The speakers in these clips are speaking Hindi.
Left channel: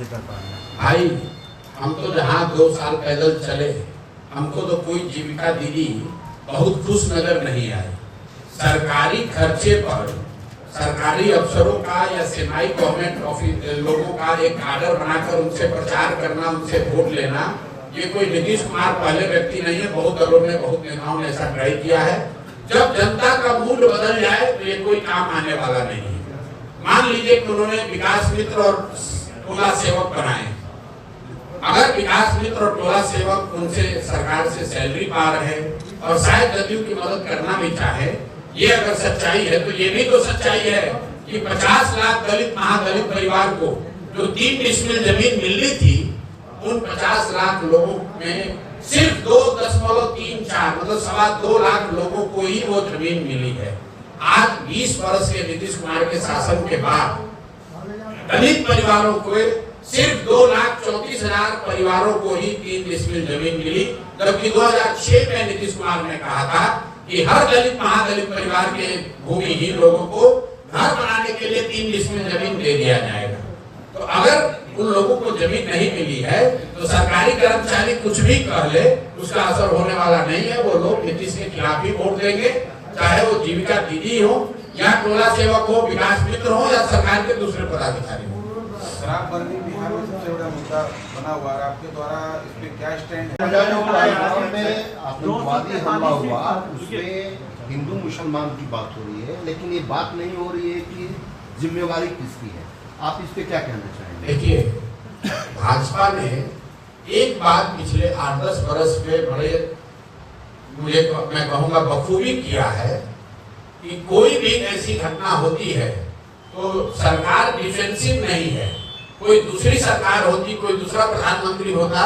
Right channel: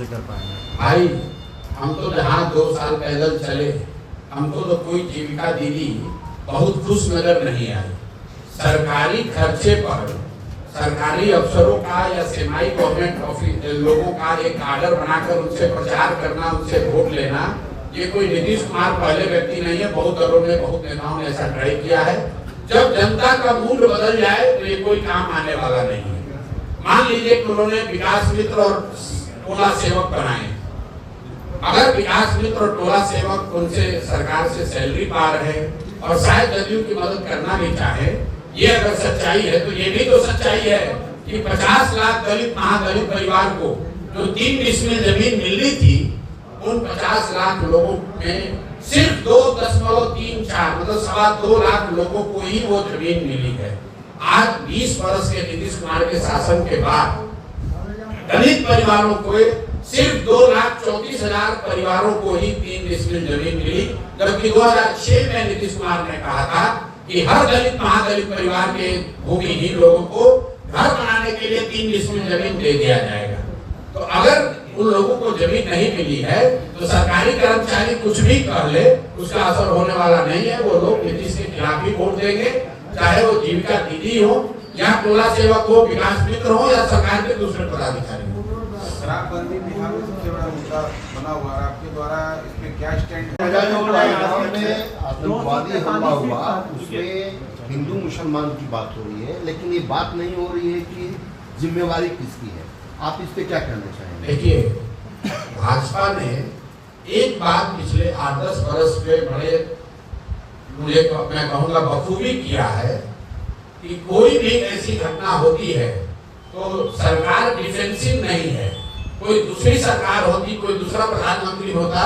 भाई हम तो जहाँ 2 साल पैदल चले, हमको तो कोई जीविका दीदी बहुत खुश नजर नहीं आई। सरकारी खर्चे पर सरकारी अफसरों का या सेमी गवर्नमेंट ऑफिस लोगों का एक आर्डर बनाकर उनसे प्रचार करना, उनसे वोट लेना, ये कोई नीतीश कुमार पहले व्यक्ति नहीं है। बहुत दलों ने, बहुत नेताओं ने ऐसा ट्राई किया है। जब जनता का मूड बदल जाए तो ये कोई काम आने वाला नहीं है। मान लीजिए कि उन्होंने विकास मित्र और टोला सेवक बनाए। अगर विकास मित्र और टोला सेवक उनसे सरकार से सैलरी पा रहे हैं और शायद दलियों की मदद करना भी चाहे, ये अगर सच्चाई है तो ये भी तो सच्चाई है कि 50 लाख दलित महादलित परिवार को जो 3 डिसमिल जमीन मिल रही थी, उन 50 लाख लोगों में सिर्फ 2.34 मतलब 2.25 लाख लोगों को ही वो जमीन मिली है। आज 20 वर्ष के नीतीश कुमार के शासन के बाद दलित परिवारों को सिर्फ 2,34,000 परिवारों को ही 3 डिसमिल जमीन मिली, जबकि 2006 में नीतीश कुमार ने कहा था कि हर दलित महादलित परिवार के भूमिहीन लोगों को घर बनाने के लिए 3 डिसमिल जमीन दे दिया जाएगा। तो अगर उन लोगों को जमीन नहीं मिली है तो सरकारी कर्मचारी कुछ भी कह ले, उसका असर होने वाला नहीं है। वो लोग नीतीश के खिलाफ ही वोट देंगे, चाहे वो जीविका दीदी हो या टोला सेवक हो, विकास मित्र हो या सरकार के दूसरे पदाधिकारी हो। शराबबंदी बिहार में सबसे बड़ा मुद्दा बना हुआ है, आपके द्वारा इस पे क्या स्टैंड है? में आतंकवादी हमला हुआ, उसमें हिंदू मुसलमान की बात हो रही है, लेकिन ये बात नहीं हो रही है कि जिम्मेवारी किसकी है। आप इस पे क्या कहना चाहेंगे? देखिए, भाजपा ने एक बात पिछले 8-10 वर्ष में बड़े मैं कहूँगा बखूबी किया है कि कोई भी ऐसी घटना होती है तो सरकार डिफेंसिव नहीं है। कोई दूसरी सरकार होती, कोई दूसरा प्रधानमंत्री होता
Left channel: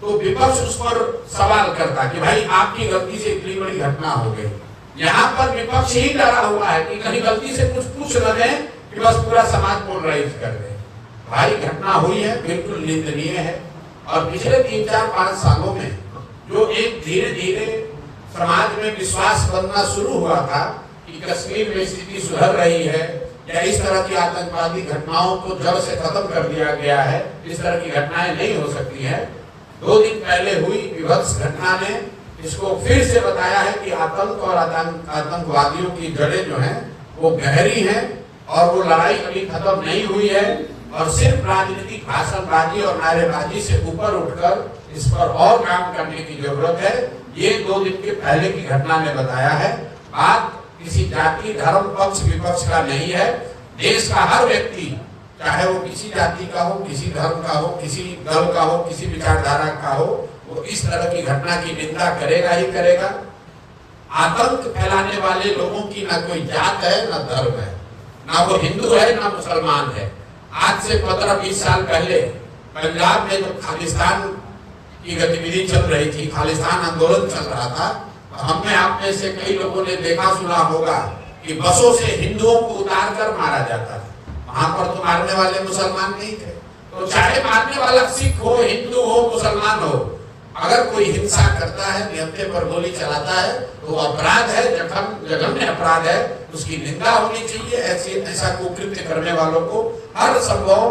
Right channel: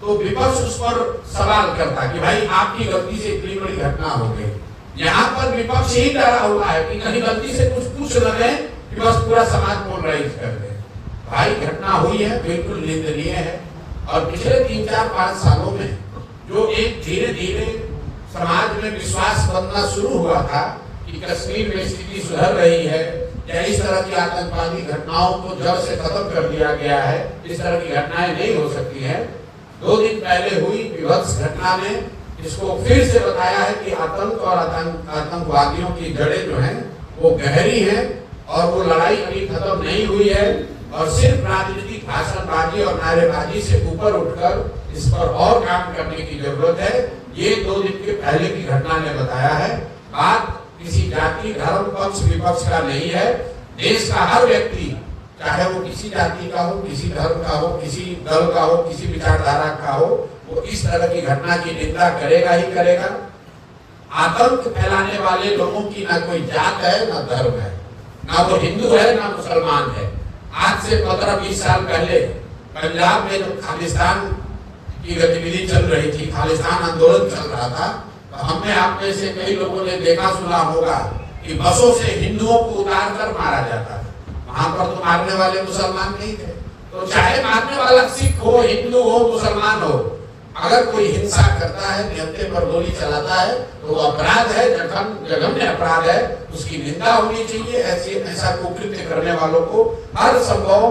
तो विपक्ष उस पर सवाल करता कि भाई आपकी गलती से इतनी बड़ी घटना हो गई। यहाँ पर विपक्ष ही डरा हुआ है कि कहीं गलती से कुछ पूछ रहे हैं कि बस पूरा समाज पोलराइज कर दे। भाई घटना हुई है, बिल्कुल निंदनीय है। और पिछले 3-4-5 सालों में जो एक धीरे धीरे समाज में विश्वास बनना शुरू हुआ था कि कश्मीर में स्थिति सुधर रही है या इस तरह की आतंकवादी घटनाओं को जड़ से खत्म कर दिया गया है, इस तरह की घटनाएं नहीं हो सकती है। 2 दिन पहले हुई विभत्स घटना ने इसको फिर से बताया है कि आतंक और आतंकवादियों की जड़ें जो हैं वो गहरी हैं और वो लड़ाई अभी खत्म नहीं हुई है। और सिर्फ राजनीतिक भाषणबाजी और नारेबाजी से ऊपर उठकर इस पर और काम करने की जरूरत है। ये 2 दिन के पहले की घटना ने बताया है। बात किसी जाति, धर्म, पक्ष विपक्ष का नहीं है। देश का हर व्यक्ति, चाहे वो किसी जाति का हो, किसी धर्म का हो, किसी दल का हो, किसी विचारधारा का हो, वो इस तरह की घटना की निंदा करेगा ही करेगा। आतंक फैलाने वाले लोगों की ना कोई जात है, ना धर्म है, ना वो हिंदू है, ना मुसलमान है। आज से 15-20 साल पहले पंजाब में जो खालिस्तान की गतिविधि चल रही थी, खालिस्तान आंदोलन चल रहा था, हमने आप में से कई लोगों ने देखा सुना होगा कि बसों से हिंदुओं को उतार कर मारा जाता था। वहां पर तो मारने वाले मुसलमान नहीं थे। तो चाहे मारने वाला सिख हो, हिंदू हो, मुसलमान हो, अगर कोई हिंसा करता है, नेता पर गोली चलाता है तो अपराध है, जघन्य अपराध है, उसकी निंदा होनी चाहिए। ऐसा कुकृत्य करने वालों को हर संभव,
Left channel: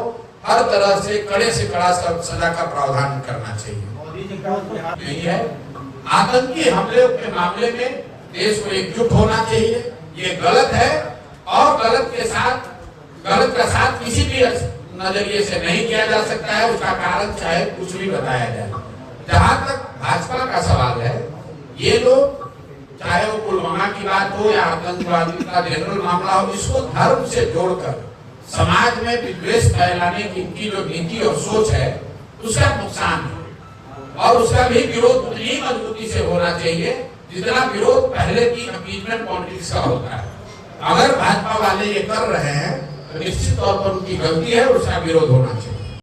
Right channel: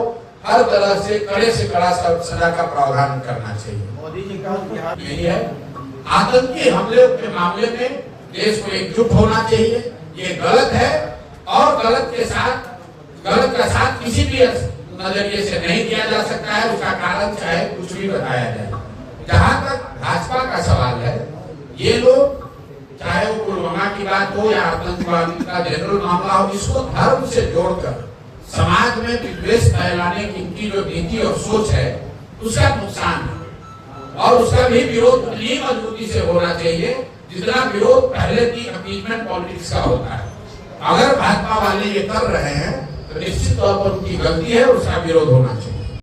हर तरह से कड़े से कड़ा सजा का प्रावधान करना चाहिए। मोदी जी का यही है। आतंकी हमले के मामले में देश को एकजुट होना चाहिए। ये गलत है और गलत का साथ किसी भी नजरिए से नहीं किया जा सकता है। उसका कारण चाहे कुछ भी बताया जाए। जहां तक भाजपा का सवाल है, ये लोग चाहे वो पुलवामा की बात हो या आतंकवादी का जनरल मामला हो, इसको धर्म से जोड़कर समाज में विद्वेष फैलाने की इनकी जो नीति और सोच है, उसका नुकसान है। और उसका भी विरोध उतनी मजबूती से होना चाहिए जितना विरोध पहले की अपीजमेंट पॉलिटिक्स का होता है। अगर भाजपा वाले ये कर रहे हैं तो निश्चित तौर पर उनकी गलती है, उसका विरोध होना चाहिए।